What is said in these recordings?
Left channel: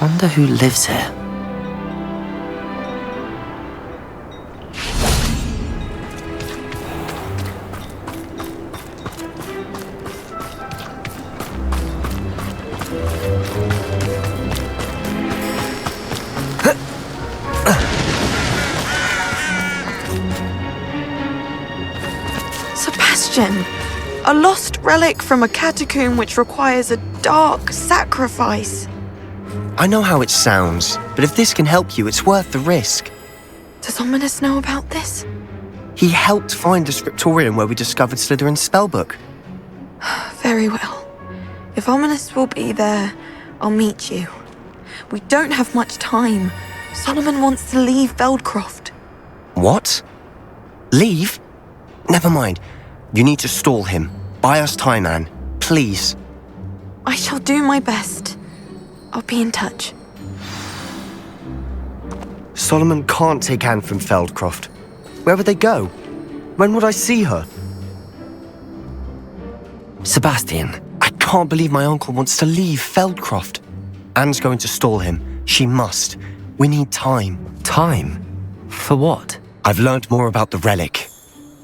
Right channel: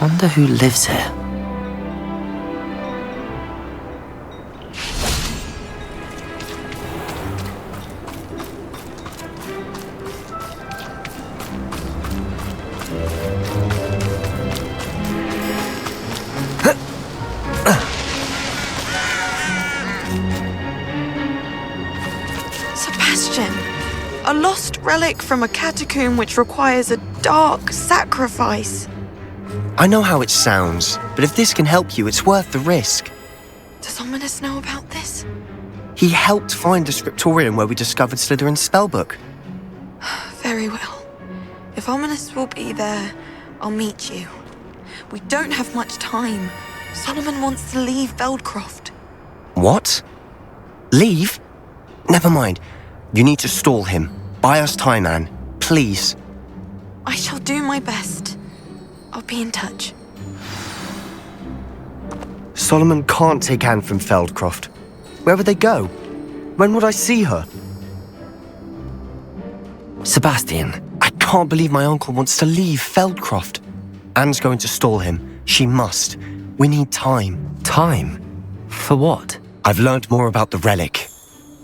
Wonder who lives here. Sebastian, a lost relic from a catacomb which requires a dark sacrifice. I know how it sounds, but if this can help you, it's worth the risk. Does Ominous know about this? He helped find the scriptorium where we discovered Slytherin's spellbook. Very well. If Ominous will be there, I'll meet you. We don't have much time. Solomon wants to leave Veldcroft. What? Leave? Never mind. You need to stall him. Buy us time, Anne. Please. I shall do my best. I'll be in touch. Solomon can't take Anne from Feldcroft. Where would they go? When would I see her? Sebastian. I can't believe my uncle wants to leave Feldcroft. Anne's going to stall him. She must. We need time. Time? For what? I've learned more about the relic.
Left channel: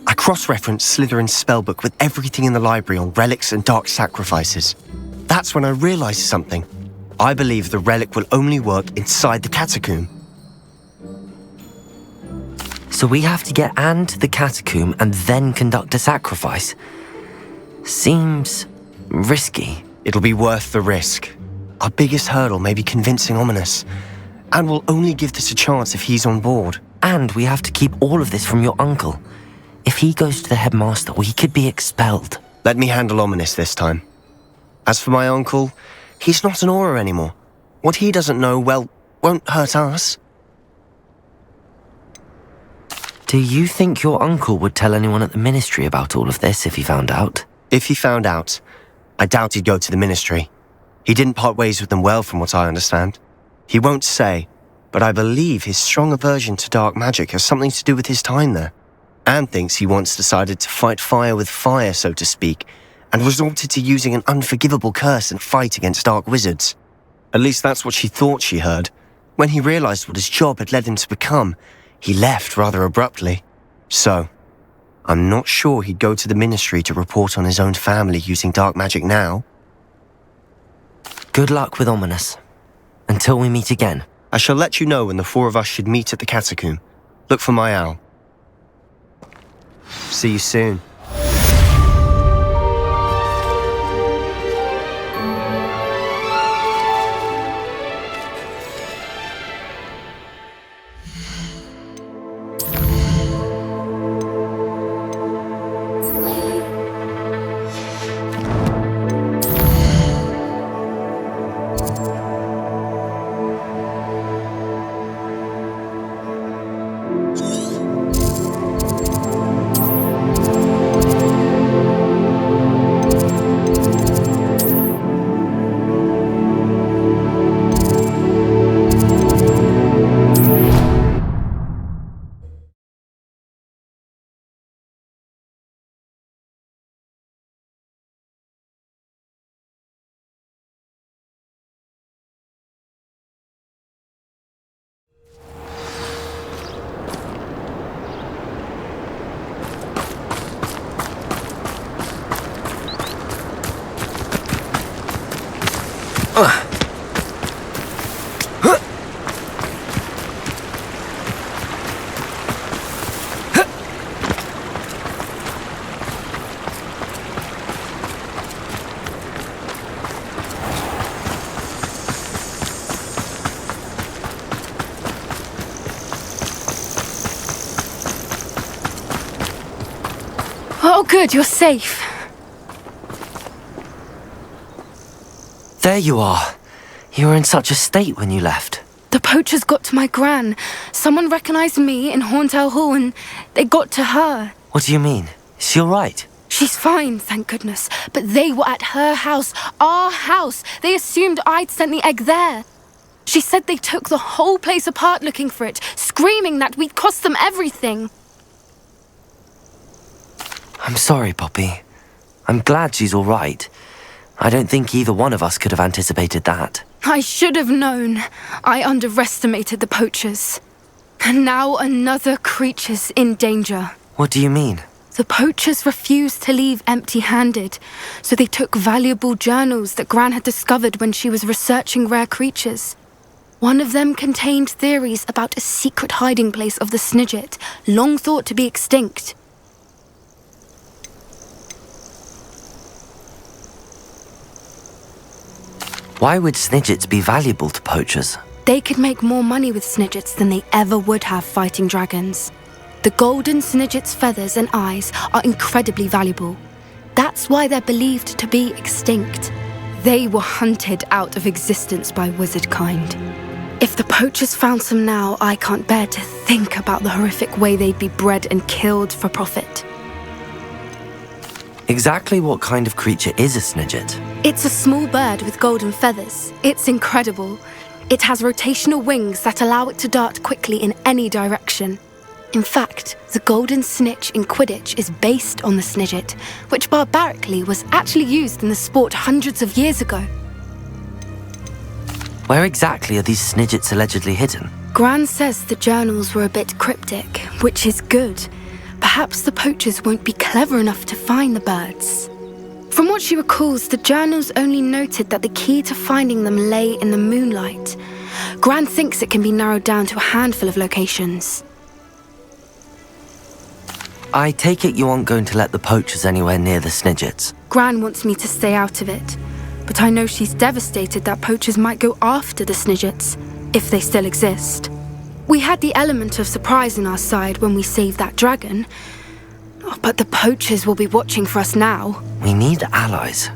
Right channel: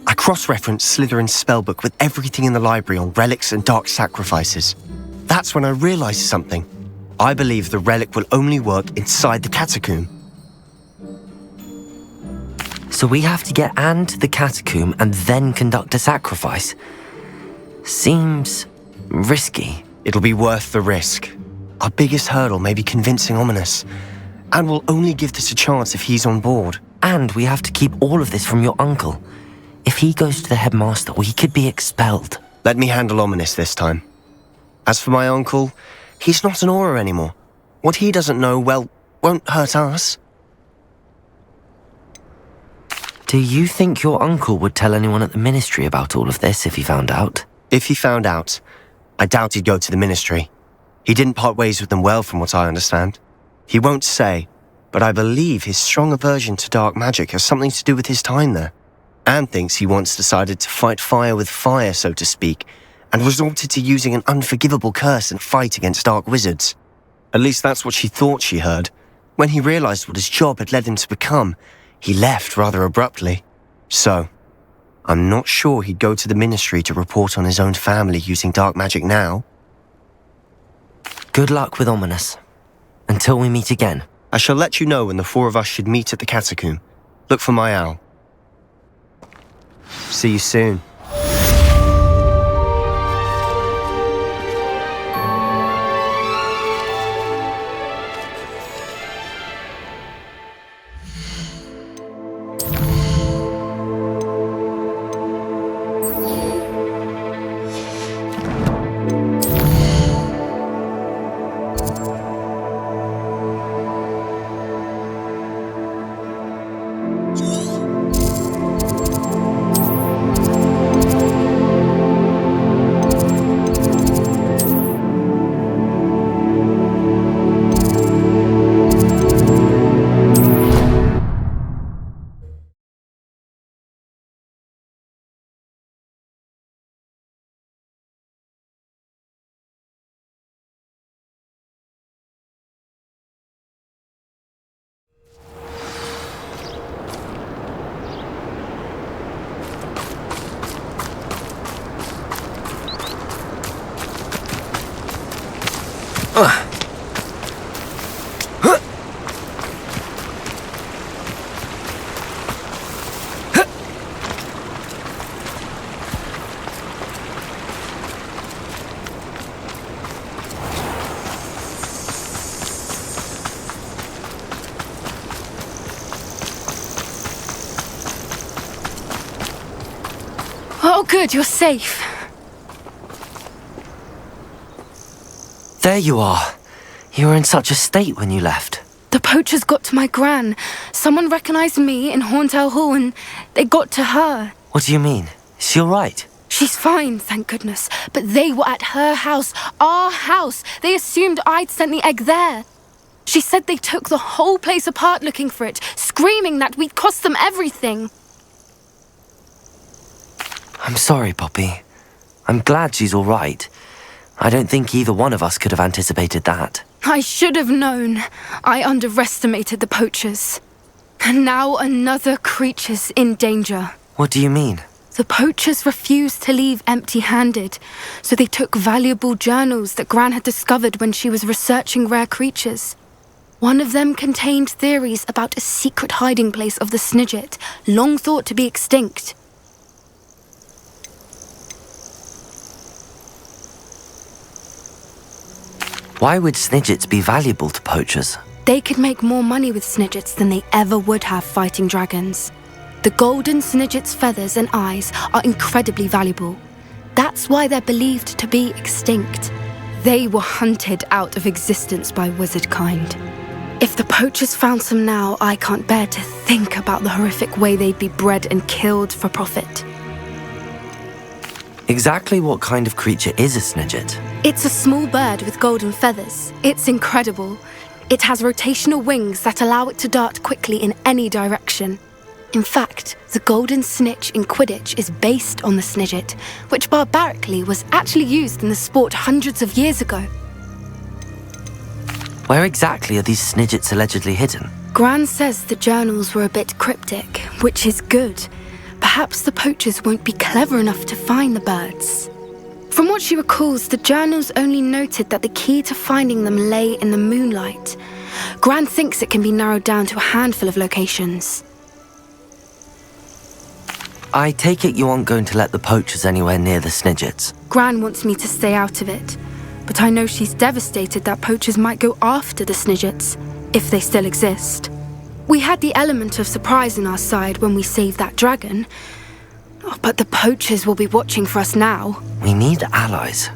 I cross-referenced Slytherin's spellbook with everything in the library on relics and dark sacrifices. That's when I realized something. I believe the relic will only work inside the catacomb. So we have to get Anne to the catacomb and then conduct a sacrifice? Seems risky. It'll be worth the risk. Our biggest hurdle may be convincing Ominous. And we'll only give this a chance if he's on board. And we have to keep all of this from your uncle. If he goes to the headmaster, we could be expelled. Let me handle Ominous this time. As for my uncle, he's not an Auror anymore. What he doesn't know, well, won't hurt us. Do you think your uncle would tell anyone at the ministry about all of this if he found out? If he found out, I doubt he'd go to the ministry. He didn't part ways with them well, from what I understand. He won't say, but I believe his strong aversion to dark magic has something to do with his time there. Anne thinks he once decided to fight fire with fire, so to speak, and resorted to using an unforgivable curse and fight against dark wizards. At least that's what she thought she heard. When he realized what his job had led him to become, he left rather abruptly. So, I'm not sure he'd go to the ministry to report on his own family using dark magic now. Good luck with Ominous. Until we meet again. I shall let you know when the four of us should meet at the catacomb. Look for my owl. See you soon. Oh, good, you're safe. There you are. You were in such a state when you left. The poachers got to my gran. Someone recognised me in Horntail Hall and they got to her. What do you mean? Is she all right? She's fine, thank goodness. But they were at her house, our house. They assumed I'd sent the egg there. She said they took the whole place apart looking for it, screaming that we'd cost them everything. I'm sorry, Poppy. I'm glad she's all right. I don't think either one of us could have anticipated that. I should have known. I underestimated the poachers. And now another creature's in danger. What do you mean? The poachers refused to leave empty-handed, so they took valuable journals that Gran had discovered when she was researching rare creatures. One of them contained theories about a secret hiding place of the Snidget, long thought to be extinct. Why would Snidgets be valuable to poachers? They could make more money with Snidgets than they ever would have fighting dragons. The golden Snidget's feathers and eyes are incredibly valuable. That's why they're believed to be extinct. They were hunted out of existence by wizard kind. If the poachers found some now, I can't bear to think about the horrific way they'd be bred and killed for profit. Exactly what kind of creature is a Snidget? It's a small bird with golden feathers. It's incredible. It has rotational wings that allow it to dart quickly in any direction. In fact, the golden snitch in Quidditch is based on the Snidget, which barbarically was actually used in the sport hundreds of years ago. Where exactly are these Snidgets allegedly hidden? Gran says the journals were a bit cryptic, which is good. Perhaps the poachers won't be clever enough to find the birds. From what she recalls, the journals only noted that the key to finding them lay in the moonlight. Gran thinks it can be narrowed down to a handful of locations. I take it you aren't going to let the poachers anywhere near the Snidgets. Gran wants me to stay out of it, but I know she's devastated that poachers might go after the Snidgets, if they still exist. We had the element of surprise on our side when we saved that dragon, but the poachers will be watching for us now. We need allies.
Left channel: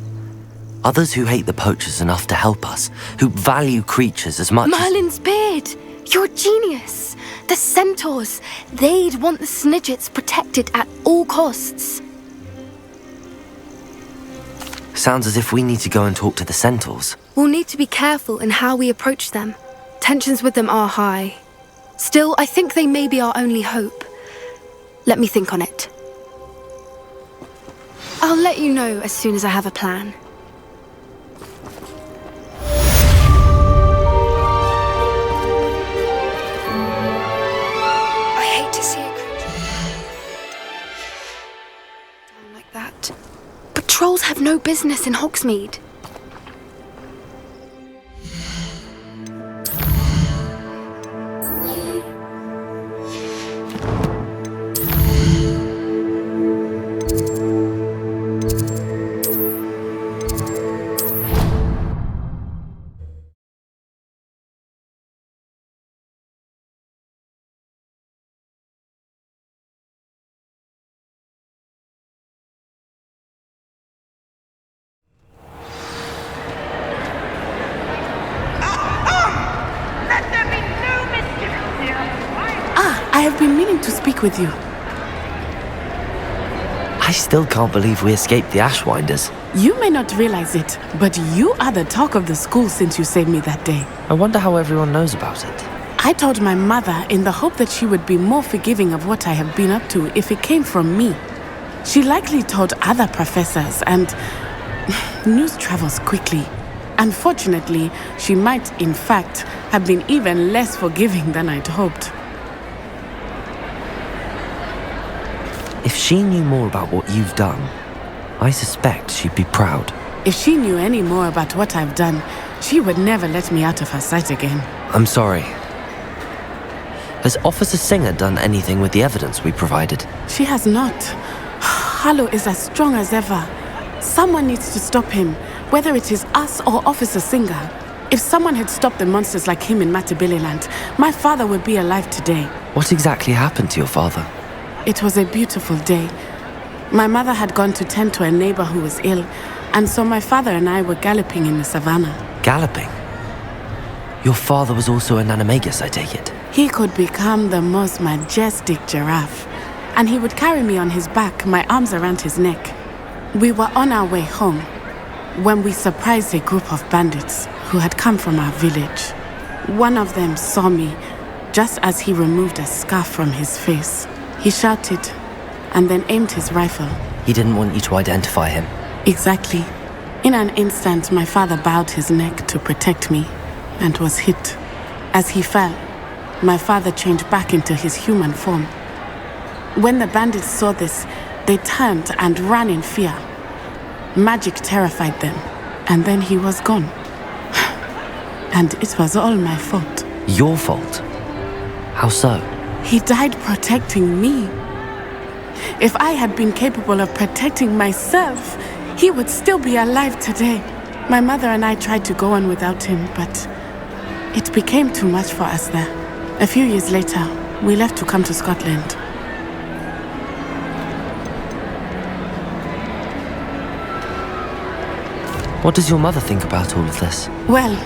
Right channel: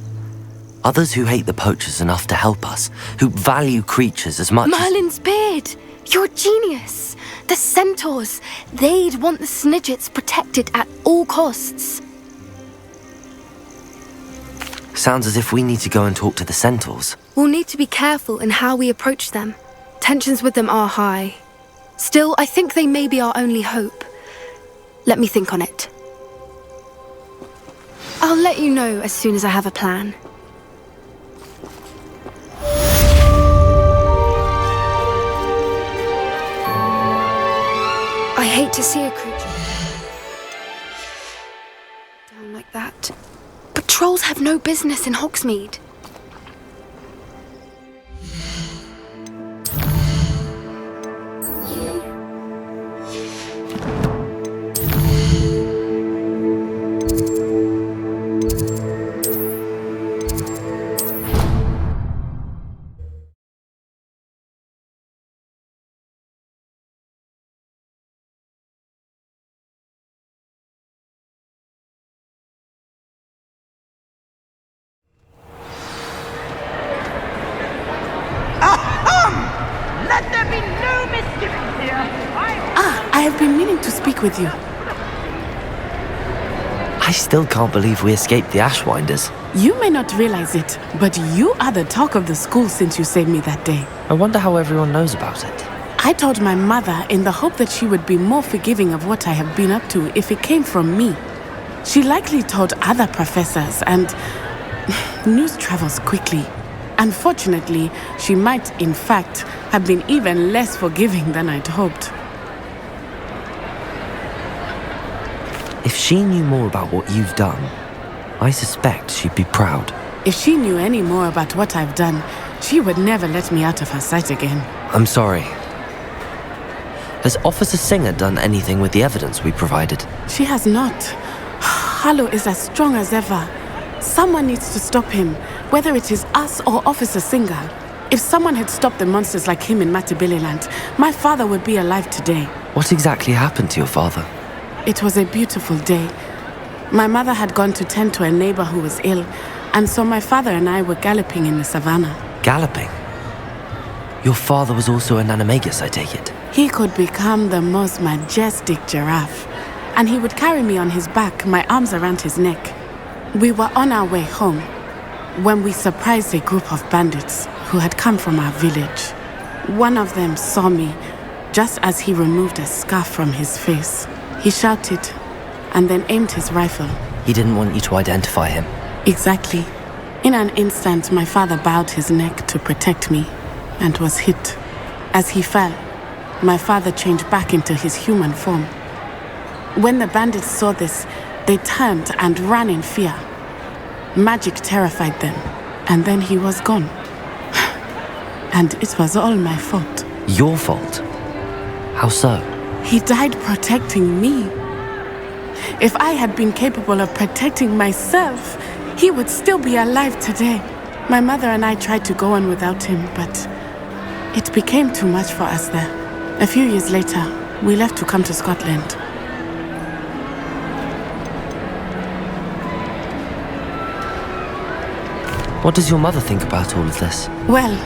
Others who hate the poachers enough to help us, who value creatures as much Merlin's beard! You're a genius! The centaurs, they'd want the Snidgets protected at all costs. Sounds as if we need to go and talk to the centaurs. We'll need to be careful in how we approach them. Tensions with them are high. Still, I think they may be our only hope. Let me think on it. I'll let you know as soon as I have a plan. I hate to see a creature down like that. But trolls have no business in Hogsmeade. I have been meaning to speak with you. I still can't believe we escaped the Ashwinders. You may not realize it, but you are the talk of the school since you saved me that day. I wonder how everyone knows about it. I told my mother in the hope that she would be more forgiving of what I have been up to if it came from me. She likely told other professors, and news travels quickly. Unfortunately, she might, in fact, have been even less forgiving than I'd hoped. If she knew more about what you've done, I suspect she'd be proud. If she knew any more about what I've done, she would never let me out of her sight again. I'm sorry. Has Officer Singer done anything with the evidence we provided? She has not. Harlow is as strong as ever. Someone needs to stop him, whether it is us or Officer Singer. If someone had stopped the monsters like him in Matabeleland, my father would be alive today. What exactly happened to your father? It was a beautiful day. My mother had gone to tend to a neighbor who was ill, and so my father and I were galloping in the savannah. Galloping? Your father was also an animagus, I take it? He could become the most majestic giraffe, and he would carry me on his back, my arms around his neck. We were on our way home when we surprised a group of bandits who had come from our village. One of them saw me just as he removed a scarf from his face. He shouted and then aimed his rifle. He didn't want you to identify him. Exactly. In an instant, my father bowed his neck to protect me and was hit. As he fell, my father changed back into his human form. When the bandits saw this, they turned and ran in fear. Magic terrified them, and then he was gone. And it was all my fault. Your fault? How so? He died protecting me. If I had been capable of protecting myself, he would still be alive today. My mother and I tried to go on without him, but it became too much for us there. A few years later, we left to come to Scotland. What does your mother think about all of this? Well,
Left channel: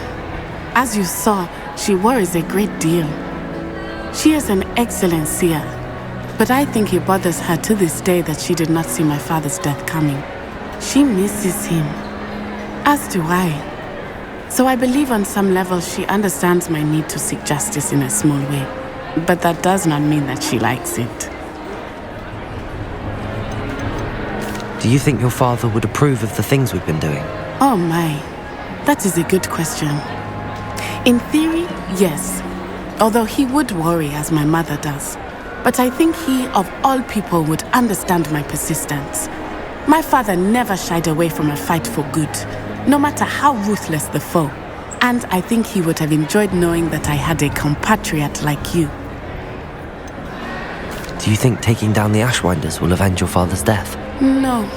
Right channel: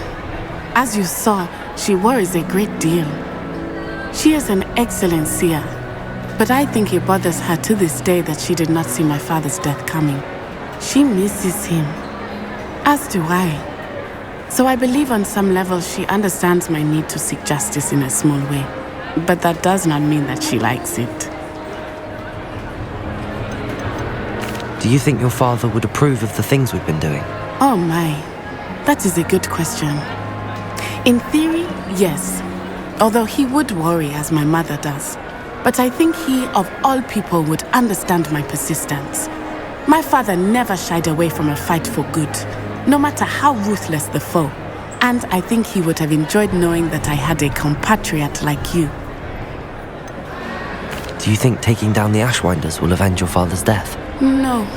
as you saw, she worries a great deal. She is an excellent seer, but I think it bothers her to this day that she did not see my father's death coming. She misses him, as do I. So I believe on some level she understands my need to seek justice in a small way, but that does not mean that she likes it. Do you think your father would approve of the things we've been doing? Oh my, that is a good question. In theory, yes. Although he would worry as my mother does. But I think he, of all people, would understand my persistence. My father never shied away from a fight for good, no matter how ruthless the foe. And I think he would have enjoyed knowing that I had a compatriot like you. Do you think taking down the Ashwinders will avenge your father's death? No.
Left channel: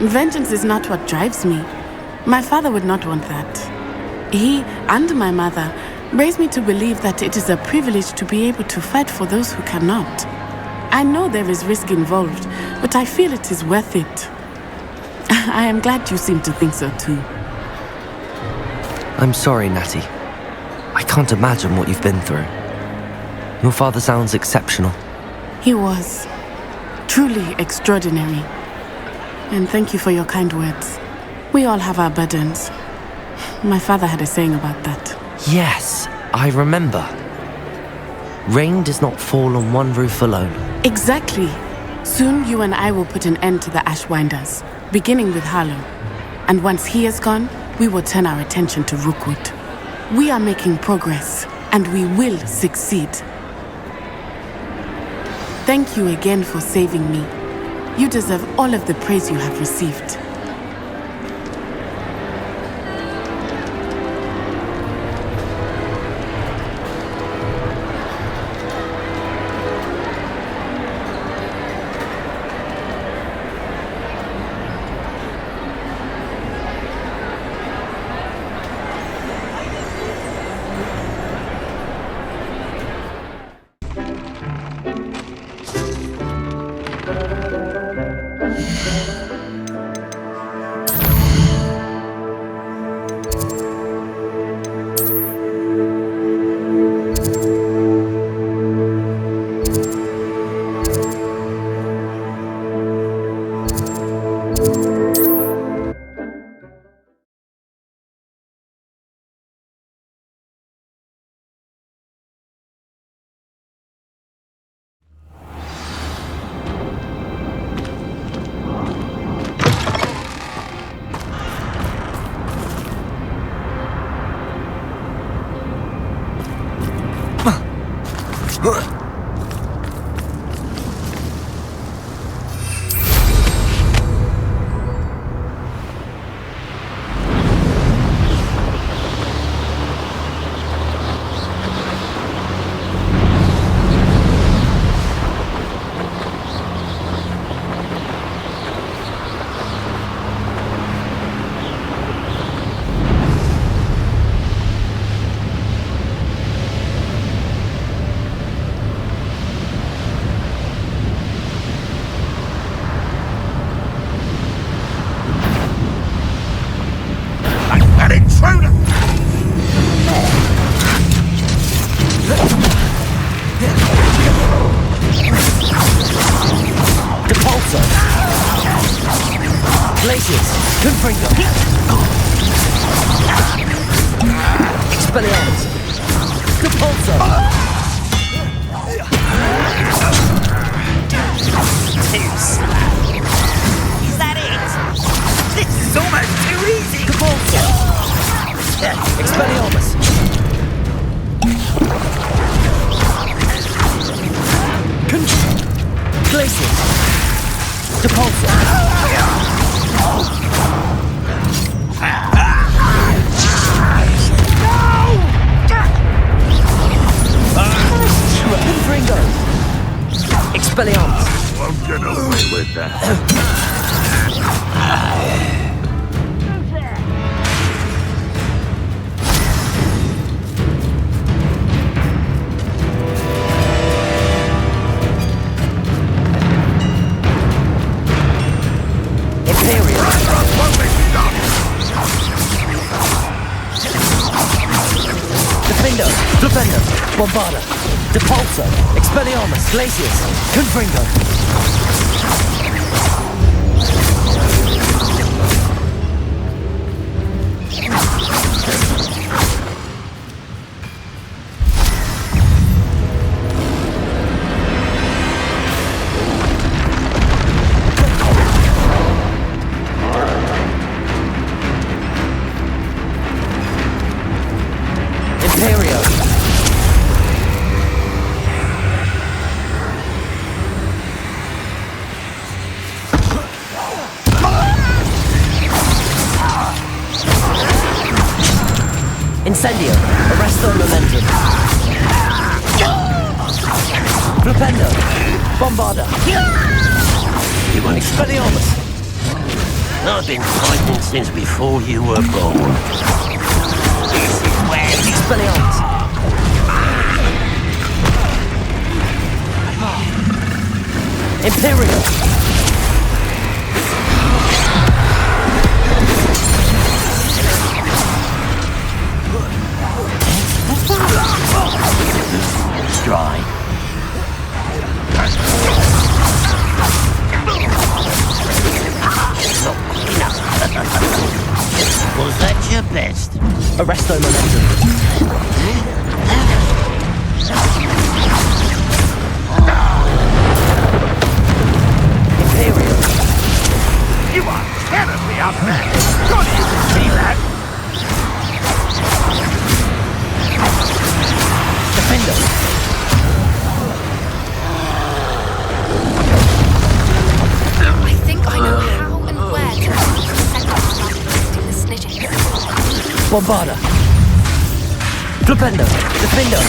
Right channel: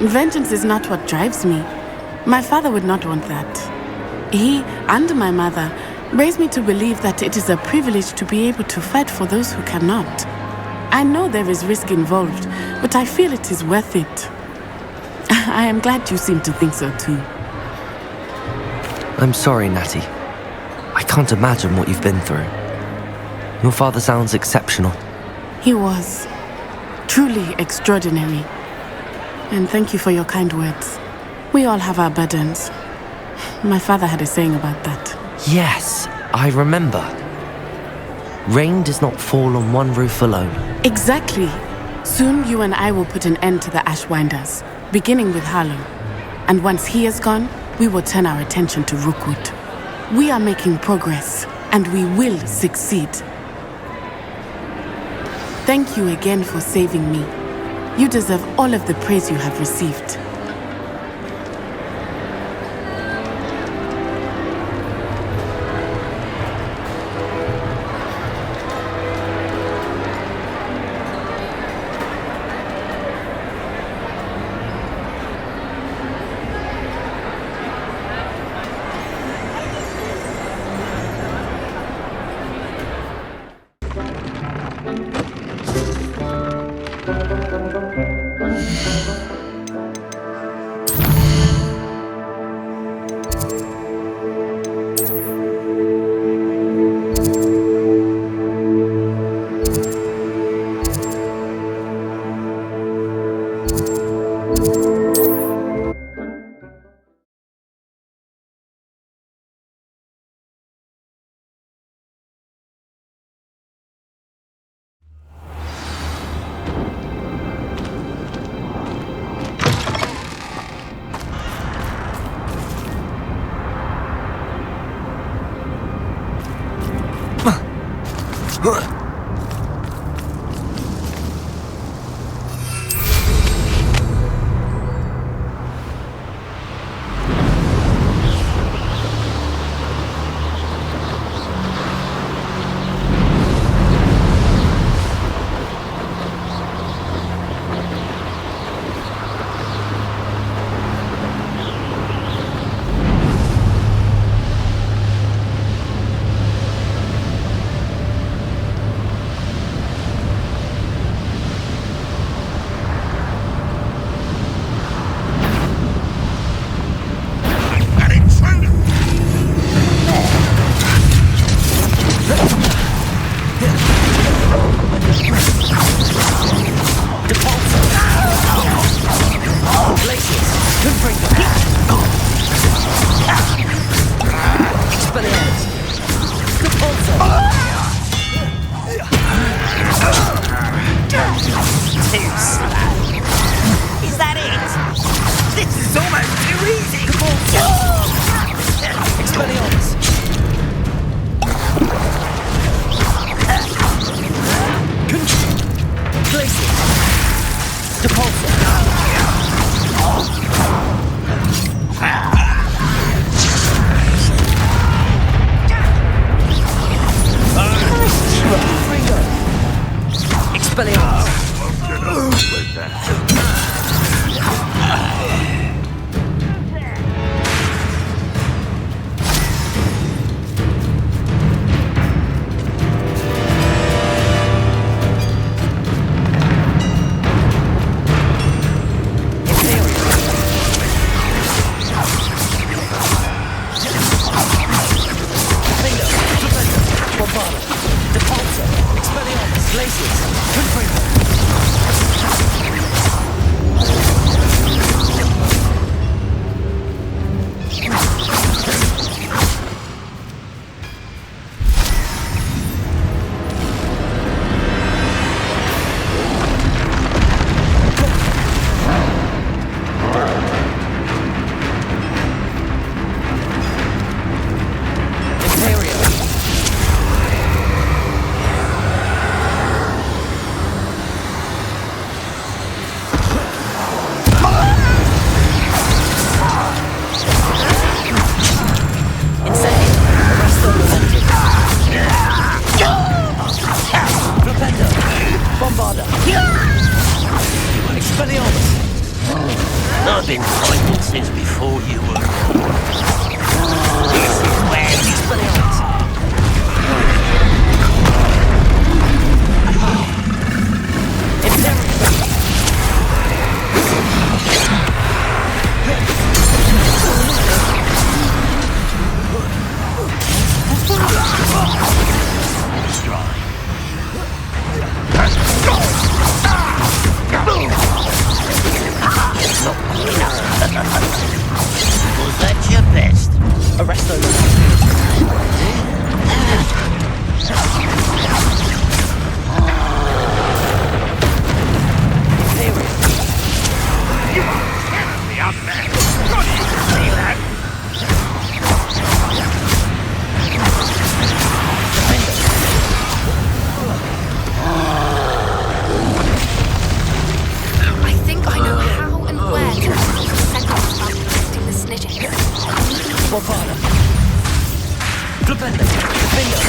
Vengeance is not what drives me. My father would not want that. He and my mother raised me to believe that it is a privilege to be able to fight for those who cannot. I know there is risk involved, but I feel it is worth it. I am glad you seem to think so too. I'm sorry, Natty. I can't imagine what you've been through. Your father sounds exceptional. He was. Truly extraordinary. And thank you for your kind words. We all have our burdens. My father had a saying about that. Yes, I remember. Rain does not fall on one roof alone. Exactly. Soon you and I will put an end to the Ashwinders, beginning with Harlow. And once he is gone, we will turn our attention to Rookwood. We are making progress, and we will succeed. Thank you again for saving me. You deserve all of the praise you have received. Intruder! Come on there. Depulso! Glaciers! Confringo! Expelliarmus! Depulso! Too slow. Is that it? This is almost too easy! Expelliarmus! Glacius! Depulsor! Confringo! Expelliarmus! Bombarda, Depulsor, Expelliarmus, Glacius, Confringo. Incendio, Arresto Momentum. Flipendo, Bombarda. Expelliarmus. I've been fighting since before you were born. This is where Expelliarmus. Imperial. Was that your best? Arresto Momentum. Imperial. You are Defender. I think I know how and where to send off about protecting the snidget. Bombarda. Flipendo. Defender.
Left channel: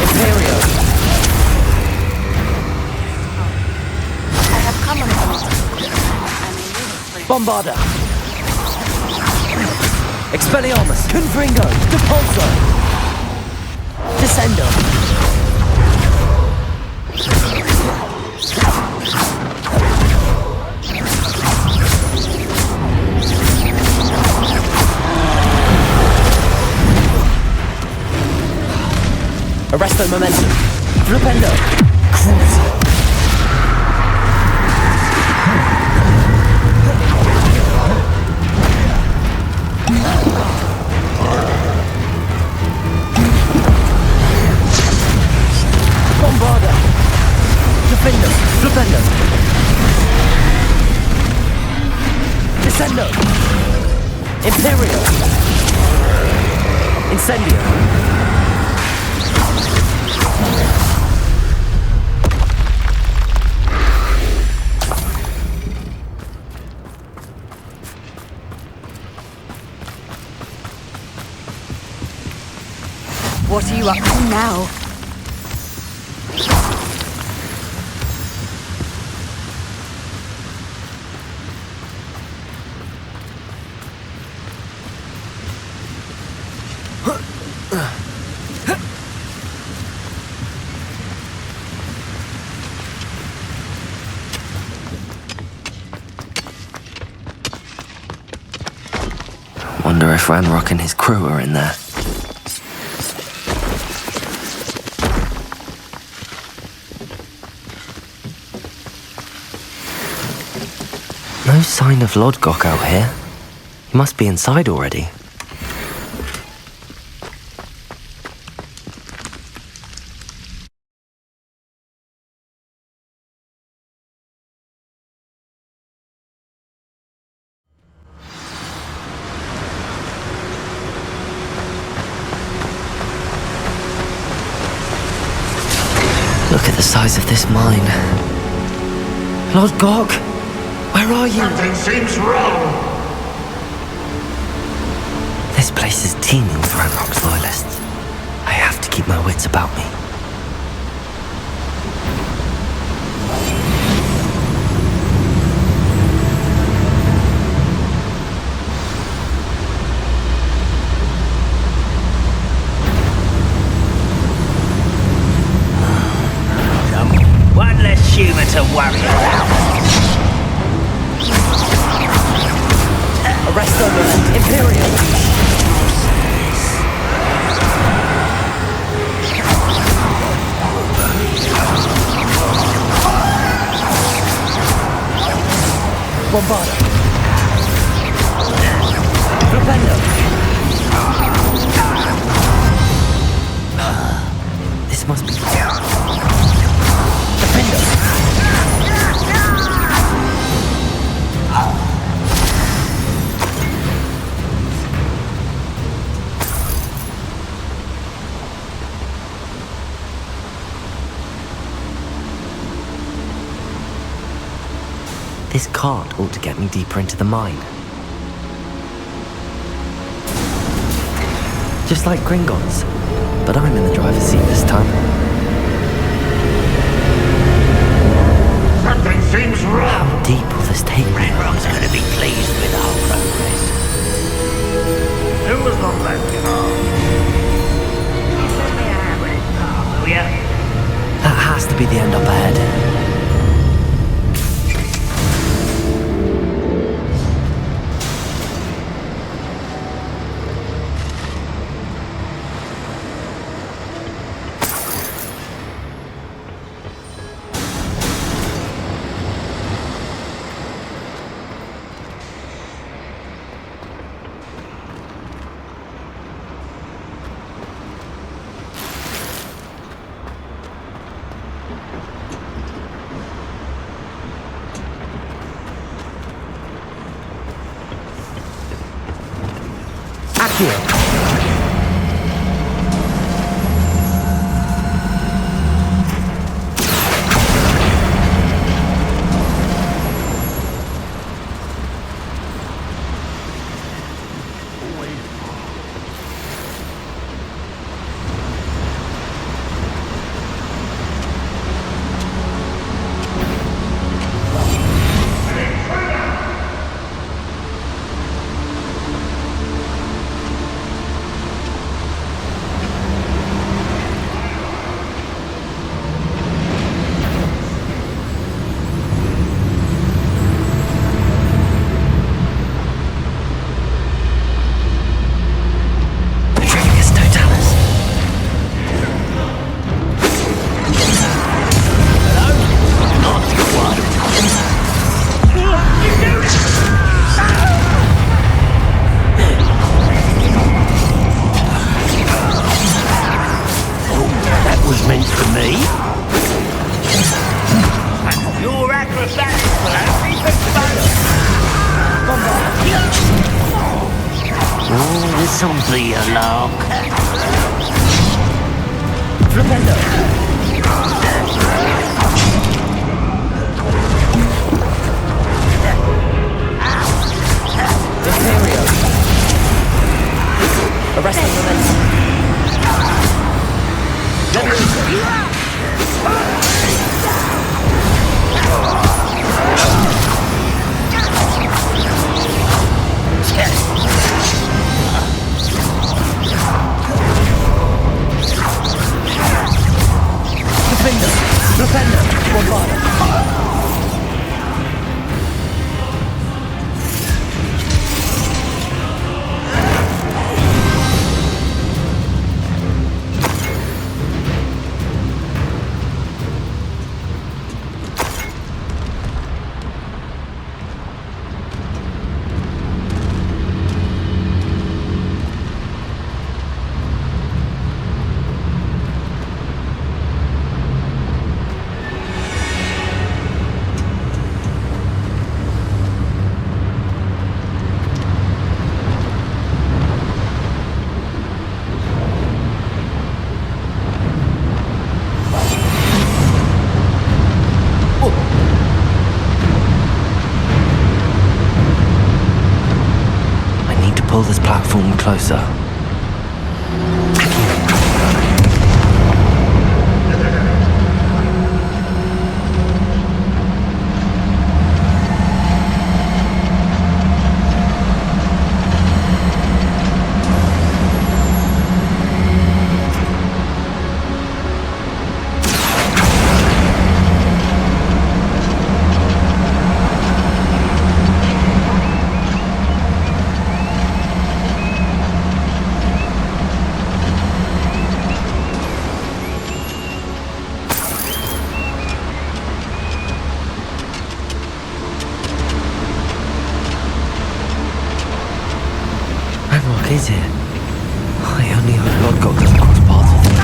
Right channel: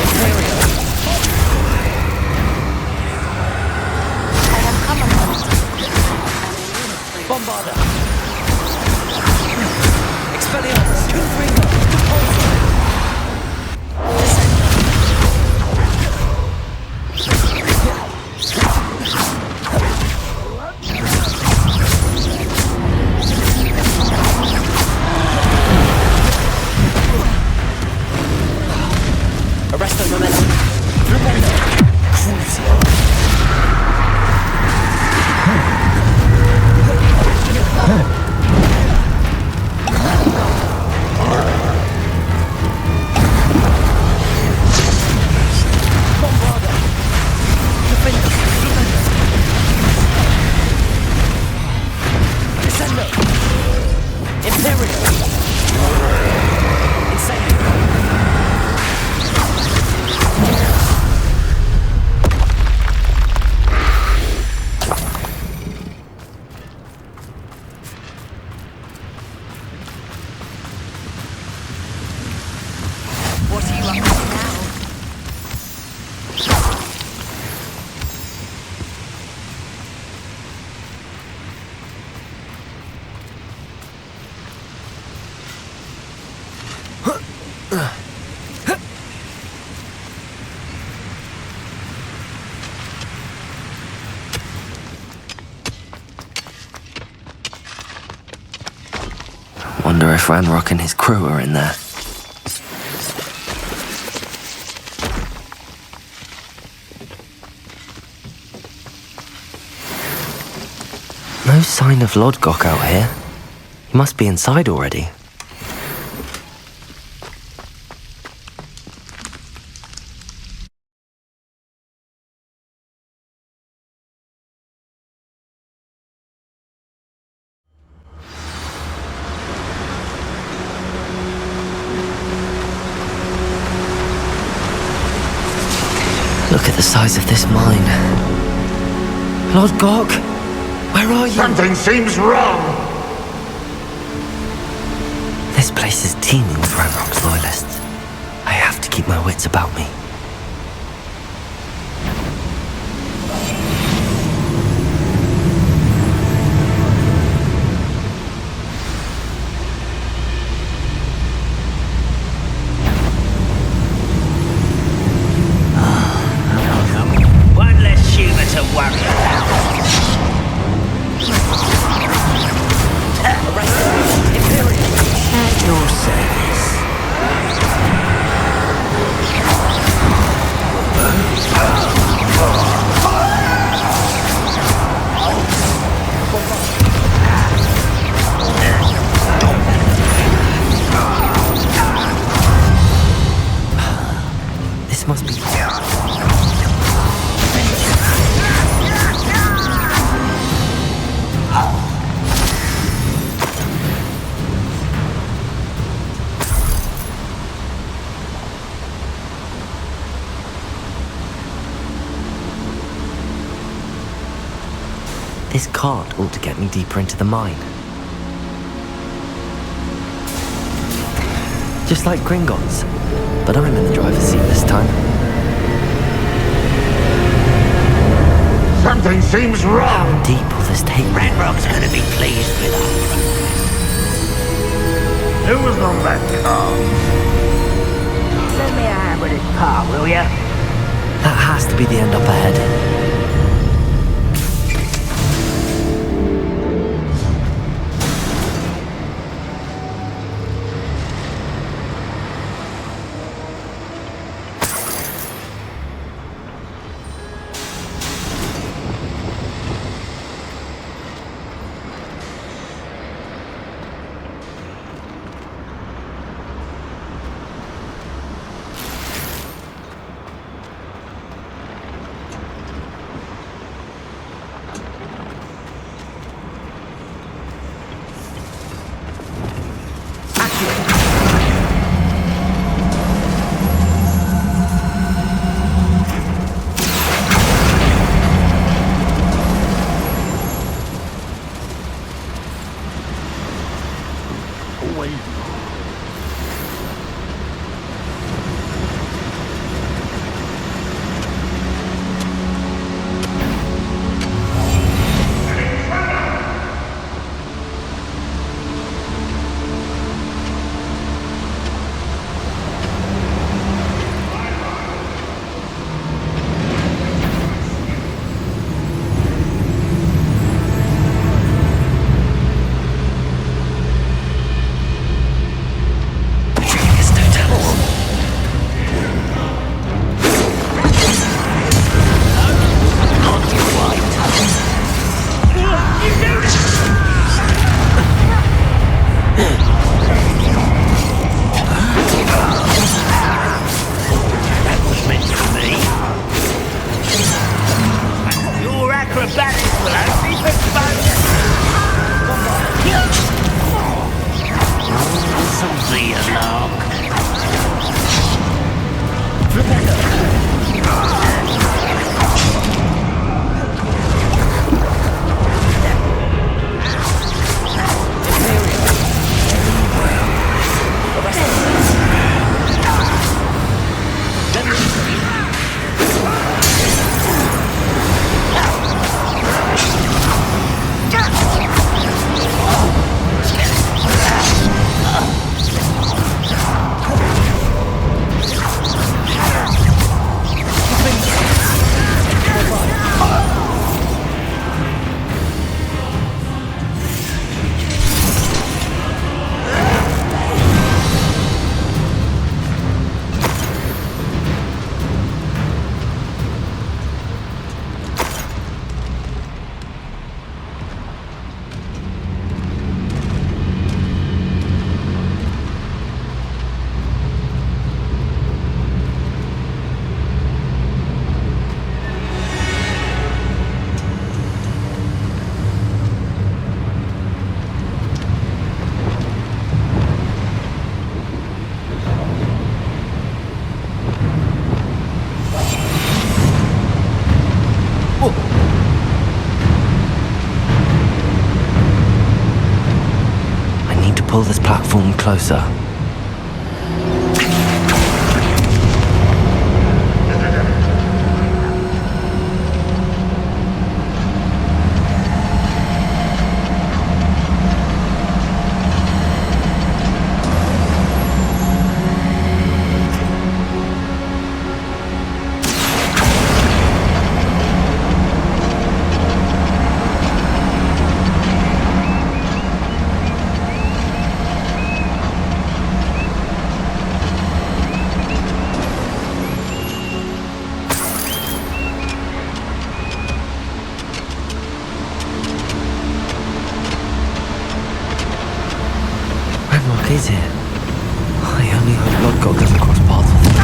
Imperial. I have come upon it. And I need a friend. Bombarda. Expelliarmus. Confringo. Depulsor. Descendo. Arresto Momentum. Flipendo. Crucio. Bombarda. Defendo. Flipendo. Descendo. Imperial. Incendio. What are you up to now? Wonder if Ranrock and his crew are in there. No sign of Lodgok out here. He must be inside already. the size of this mine. Lord Gok, where are you? Something seems wrong. This place is teeming with Ranrock's loyalists. I have to keep my wits about me. One less human to worry about. Arrest them, Imperial! Your service. Bombarda! This must be... This cart ought to get me deeper into the mine. Just like Gringotts, but I'm in the driver's seat this time. Something seems wrong. How deep will this take me? Ranrock's going to be pleased with our progress. Who was on that car? Will ya? That has to be the end up ahead. Accio! Your acrobatics will only be fun. Imperial! Arrest them! need to pull this platform closer. Ranrock is here. I only hope Lodgok doesn't cross paths with him.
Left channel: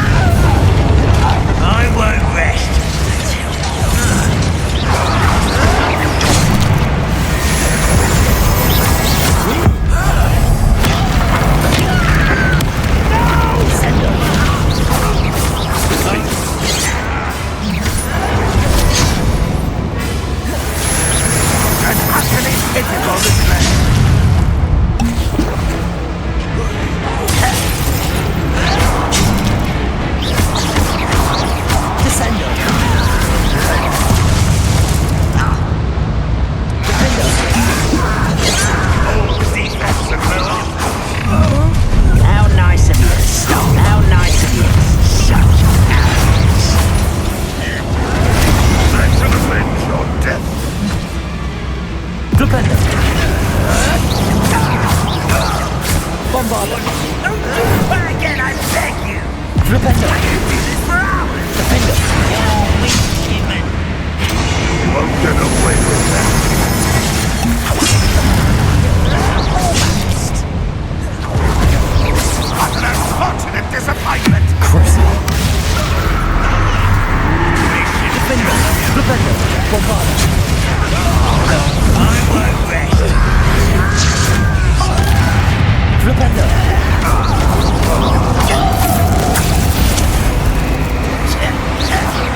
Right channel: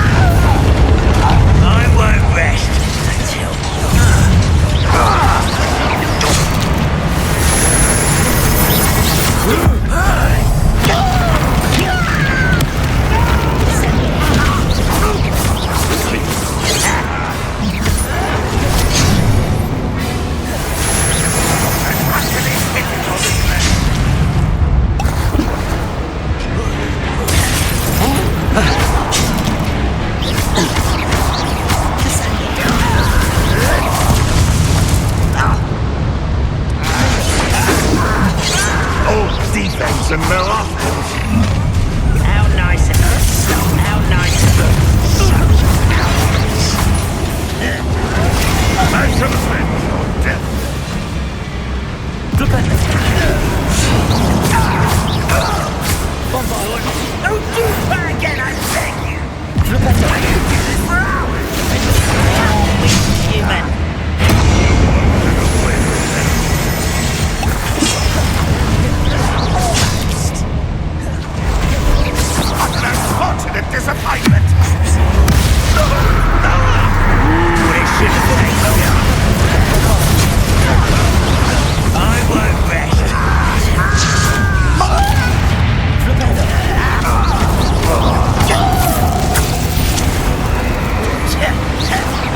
I won't rest until Don't do that again, I beg you! I could do this for hours! You're weak, human! You won't get away. Almost! What an unfortunate disappointment! Crucial. I won't rest. Flipendo!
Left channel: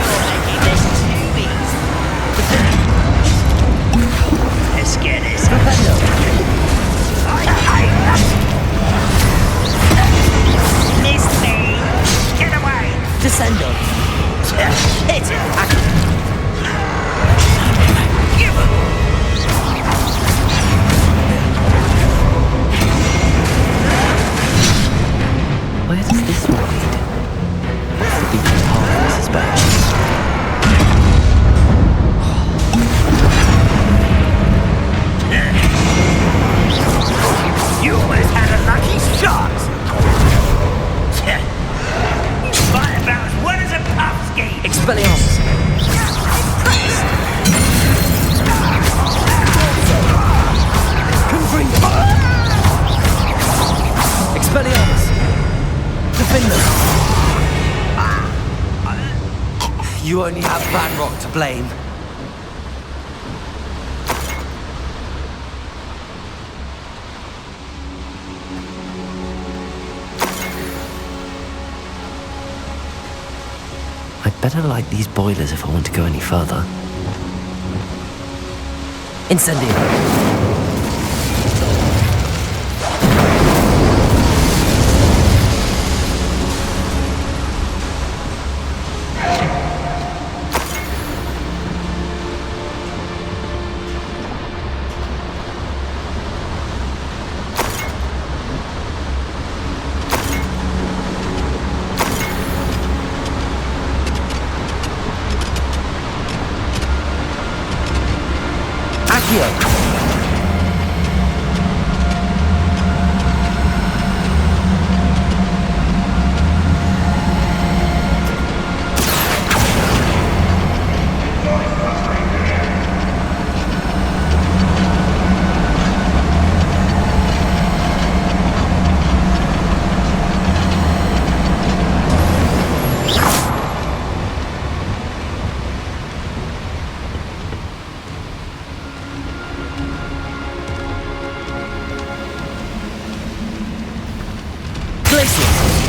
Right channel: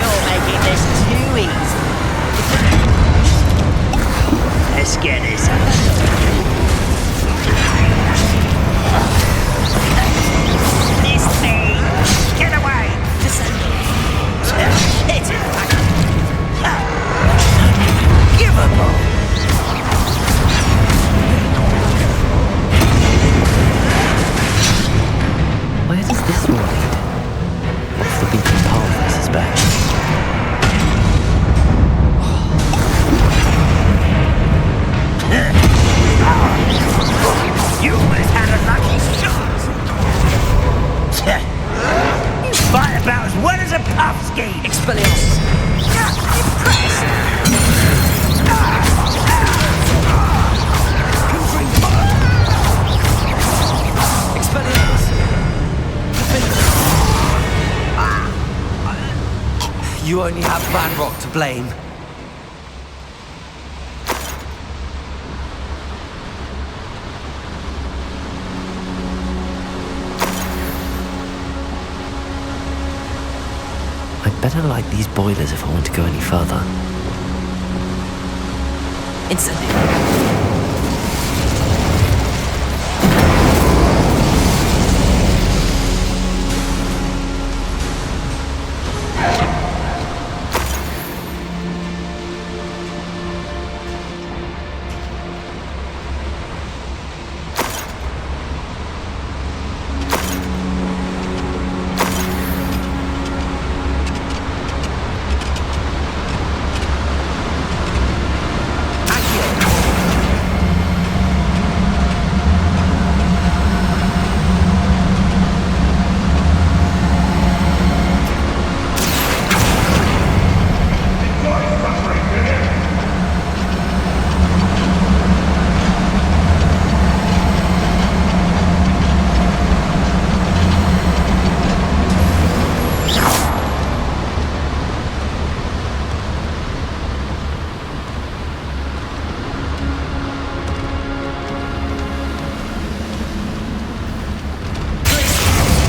You're making this too easy. Let's get this. Flipendo! Miss me! Get away! Descendo! Hit it! Where does this one lead? What's the beaten path, I suspect? You almost had a lucky shot! Expelliarmus! Impressed! Expelliarmus! You only have Ranrock to blame. I'd better light these boilers if I want to go any further. Incendio!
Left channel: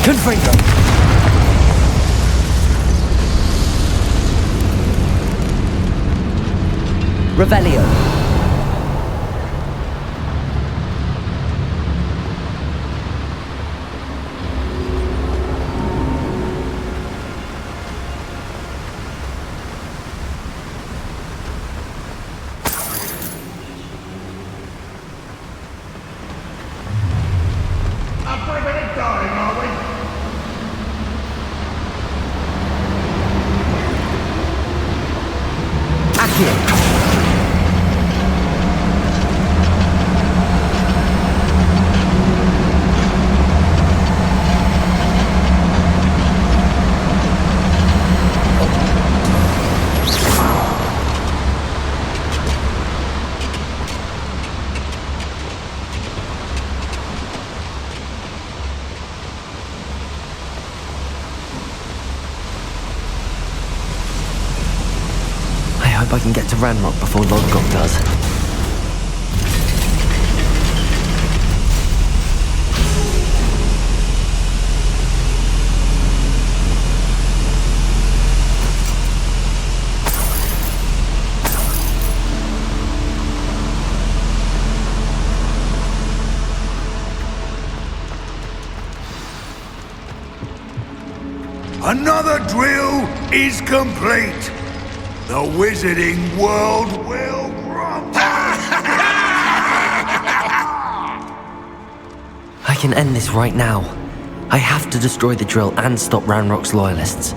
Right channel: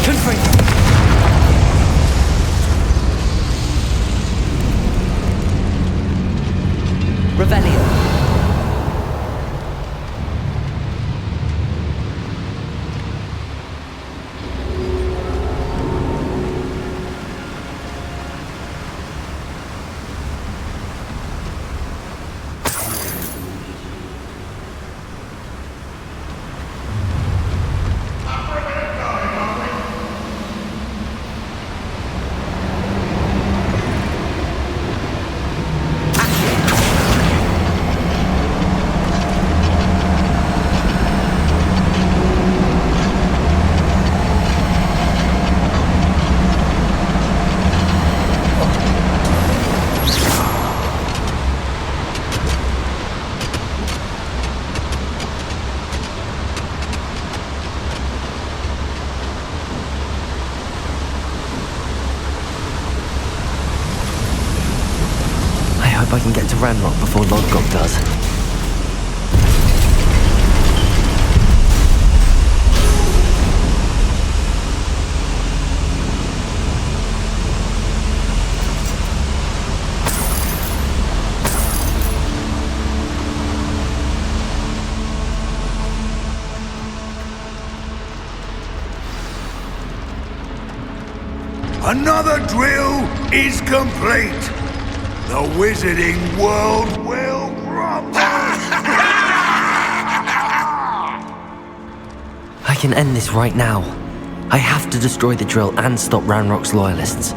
Confringo! Revelio! hope I can get to Ranrock before Lodgok does. Another drill is complete. The wizarding world will crumble. I can end this right now. I have to destroy the drill and stop Ranrock's loyalists.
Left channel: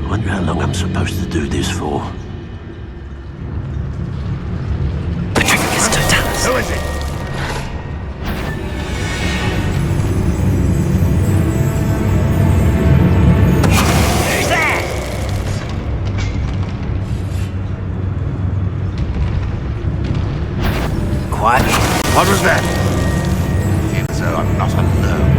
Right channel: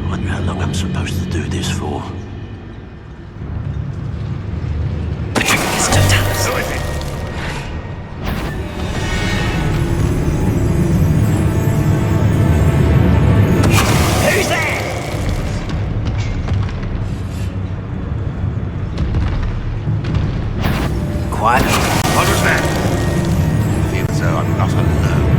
I wonder how long I'm supposed to do this for. Patricius Totalis. Who's there? Quiet. What's that? I feel as though I'm not alone.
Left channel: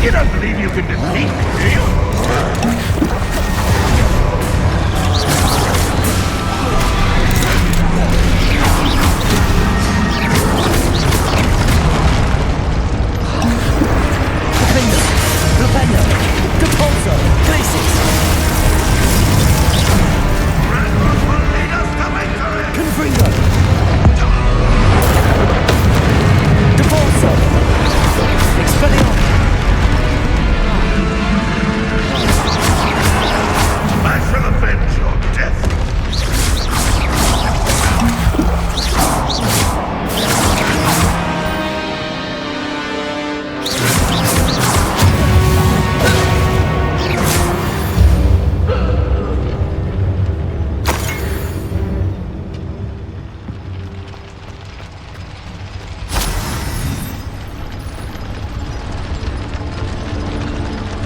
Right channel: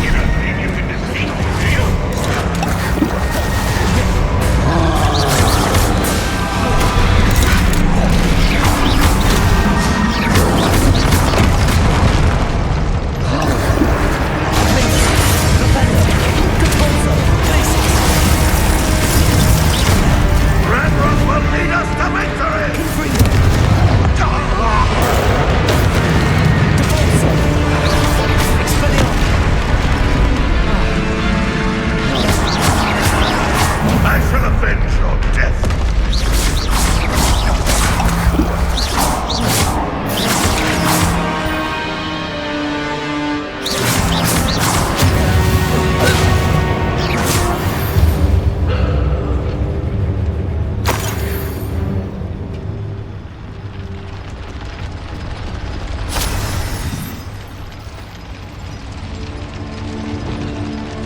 You don't believe you can defeat me, do you? Ranrock will lead us to victory! I shall avenge your death!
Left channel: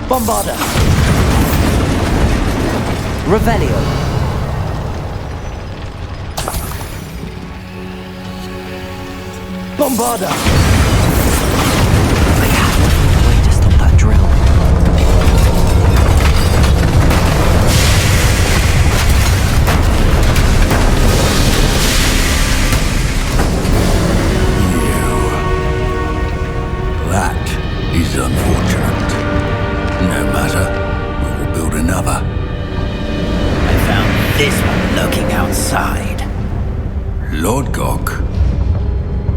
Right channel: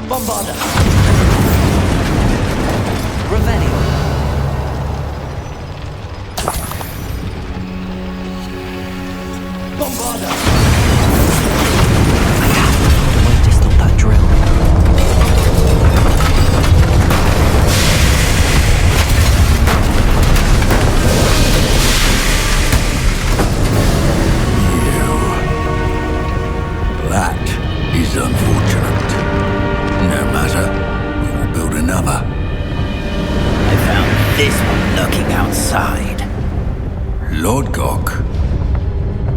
Bombarda. Revelio. Bombarda. I have to find a way to stop that drill. That is unfortunate. No matter, we will build another. I found this one lurking outside. LODGOK,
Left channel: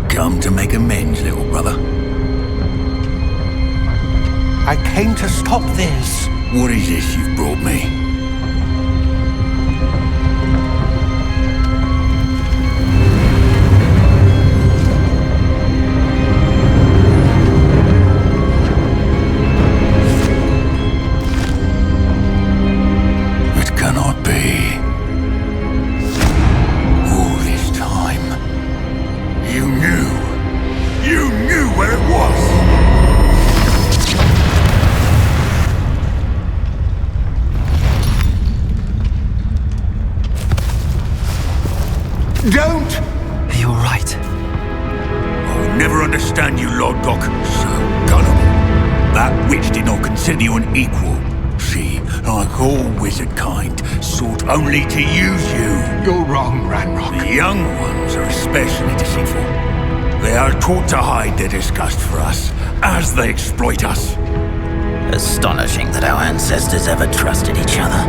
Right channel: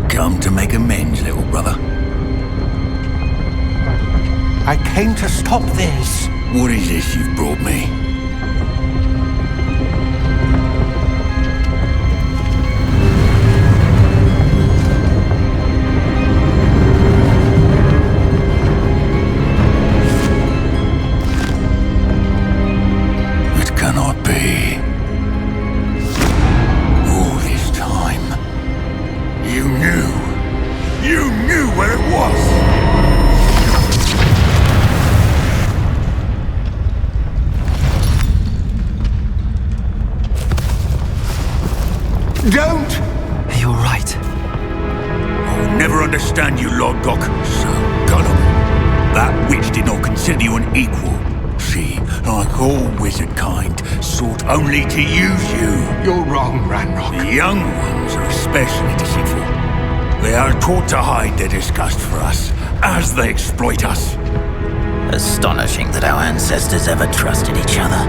come to make amends, little brother. I came to stop this. What is this you've brought me? It cannot be. All this time, you knew. You knew where it was! Don't! Are you alright? I'll never understand you, LODGOK. So gullible. That witch did not consider you an equal. She, like all wizard kind, sought only to use you. You're wrong, Ranrock. The young ones are especially deceitful. They are taught to hide their disgust for us, as they exploit us. Astonishing that our ancestors ever trusted each other.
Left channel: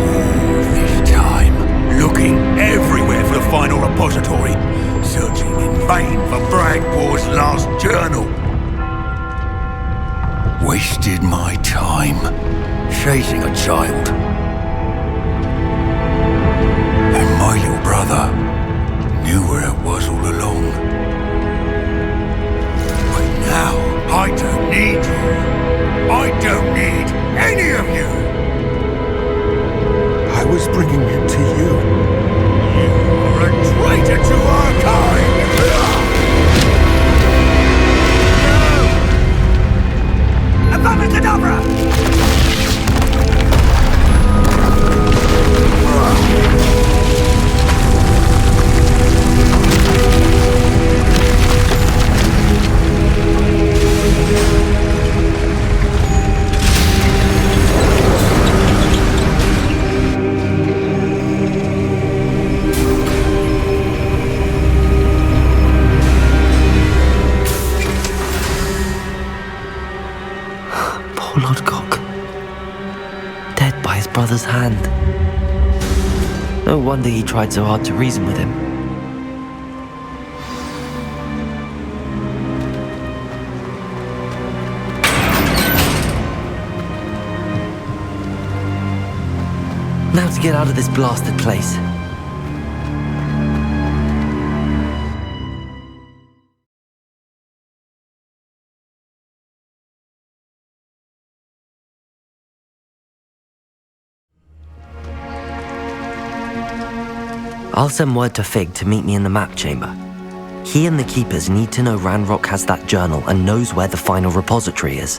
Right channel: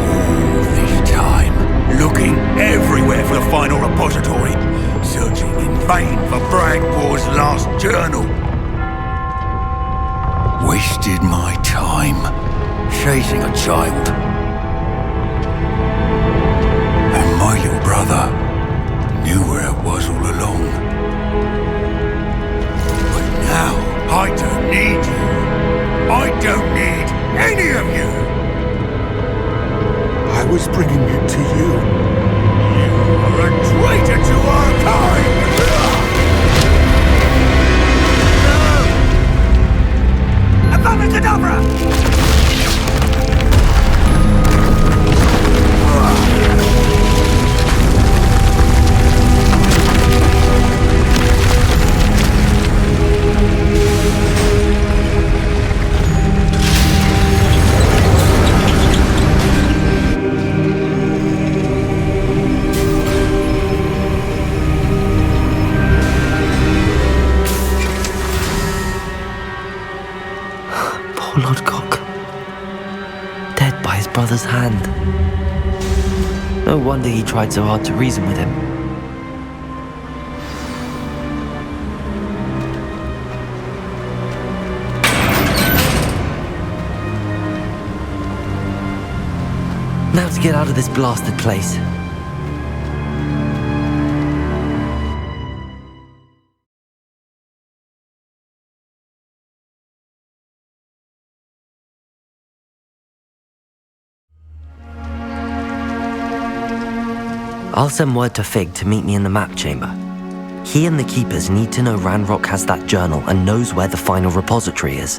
All this time, looking everywhere for the final repository, searching in vain for Bragpaw's last journal. Wasted my time, chasing a child. And my little brother knew where it was all along. But now, I don't need you. I don't need any of you. I was bringing it to you. You are a traitor to our kind! No! Avada Kedavra! Poor Lodgok. Dead by his brother's hand. No wonder he tried so hard to reason with him. Now to get out of this blasted place. I'll send word to Fig to meet me in the map chamber. He and the Keepers need to know Ranrock has that journal and knows where the final repository is.